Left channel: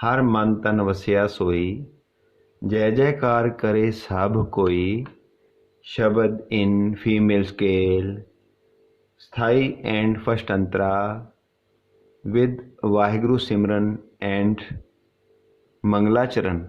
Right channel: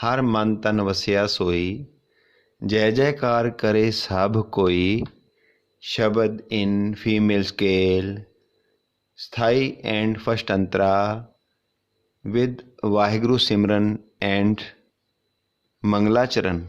हर मन तन वसिया सोई, जय जयकार करे सब कोई। शब्द in female scale, Sthai+First Antra with Waheguru Simran and मंगलाचरण।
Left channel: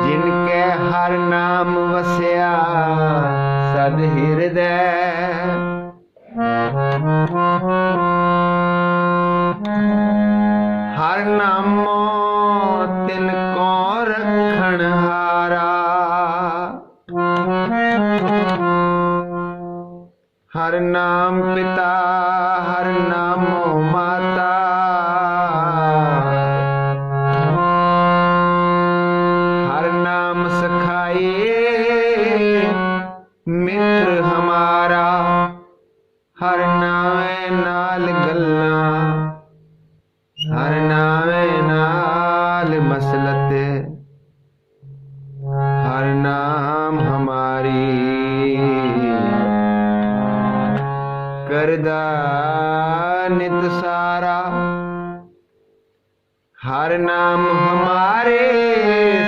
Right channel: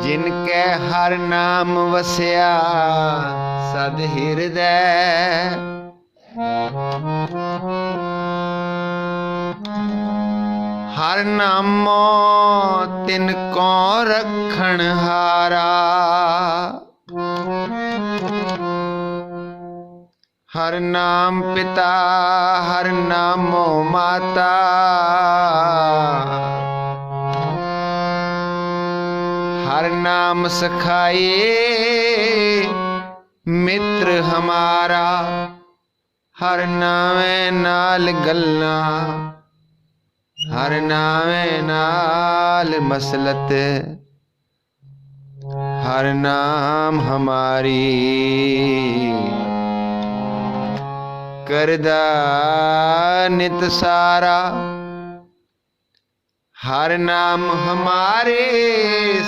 जिनके हर नाम वसया सद हृदय, हर नामो तिनको रखण हारा, हर नाम पिता हर नामो माता, सखाए मित्र हमारा, हर नावे नाल गल्ला, हर नावे नाल मसलत, हर नाम हमारी करदा नित सारा, हर नाम हमारे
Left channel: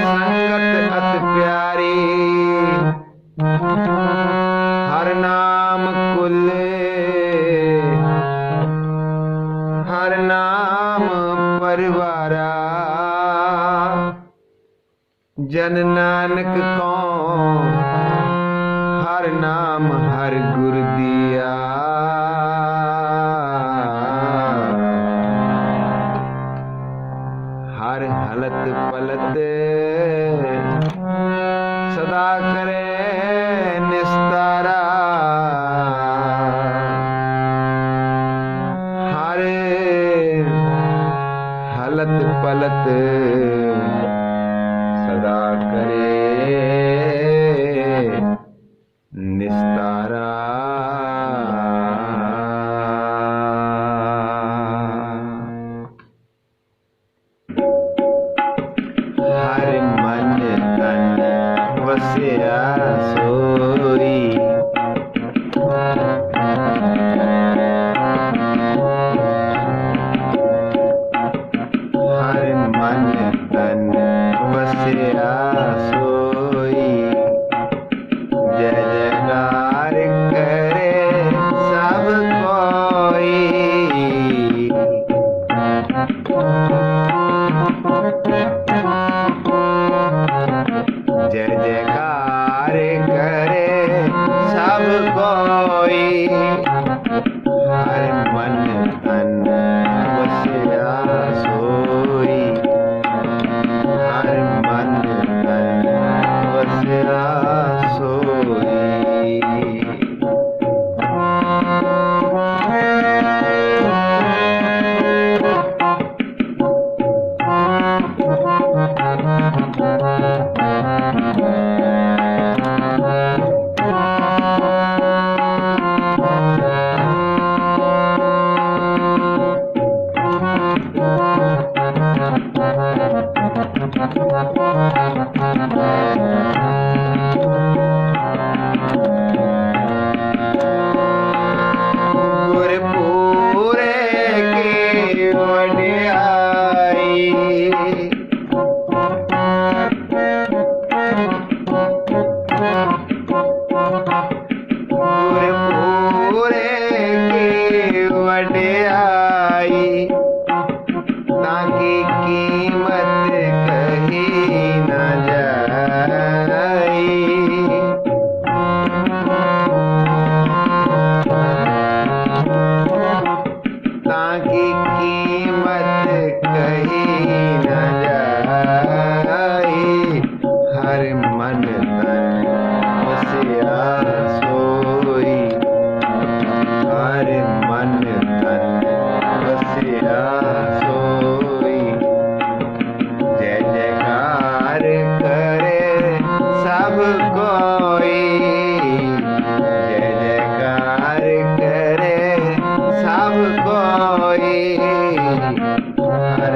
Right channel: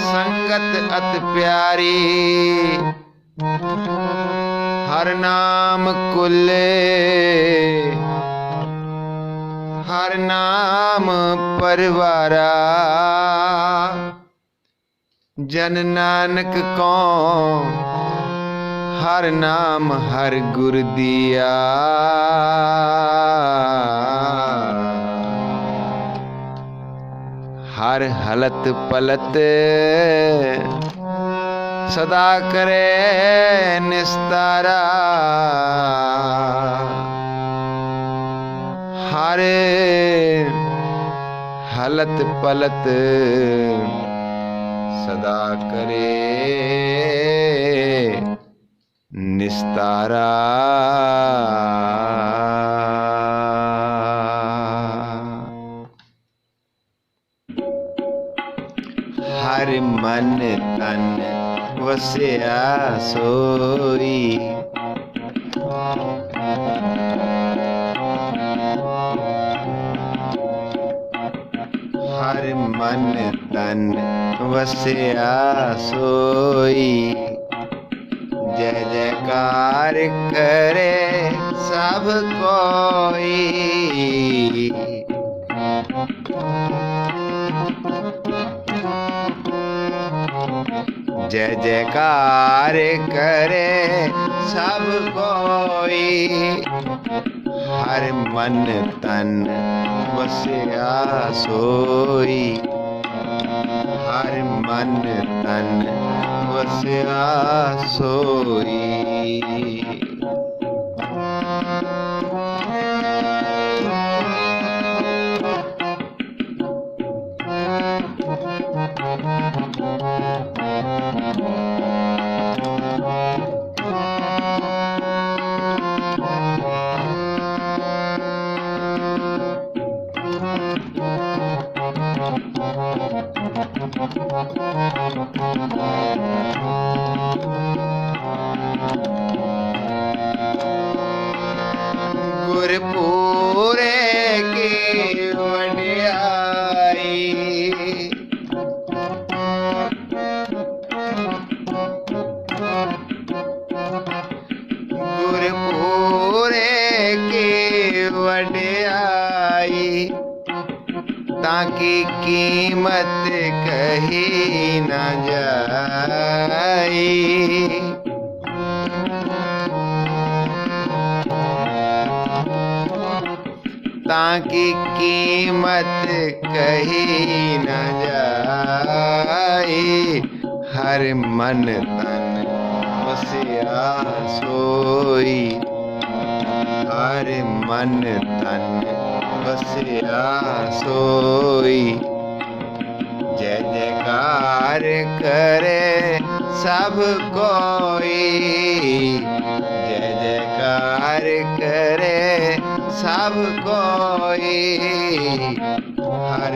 संगत अत प्यारी, हर नाम कुले हर नाम परिवारा, जन नानक को हर नाम हर गुर दिया, हर हलत पलत सदा करे निस्तारा, हर हलत पलत सदा करे निस्तारा। हर मन तन वसिया सोई, हर मन तन वसिया सोई, जय जयकार करे सब कोई। जय जयकार करे सब कोई, हर मन तन वसिया सोई। गुरपुरे की वडियाई गुरपुरे की वडियाई ताकि कीमत कही न जाई ताकि कीमत कही न जाई हर मन तन बसिया सोई हर मन तन बसिया सोई जय जयकार करे सब कोई जय जयकार करे सब कोई हर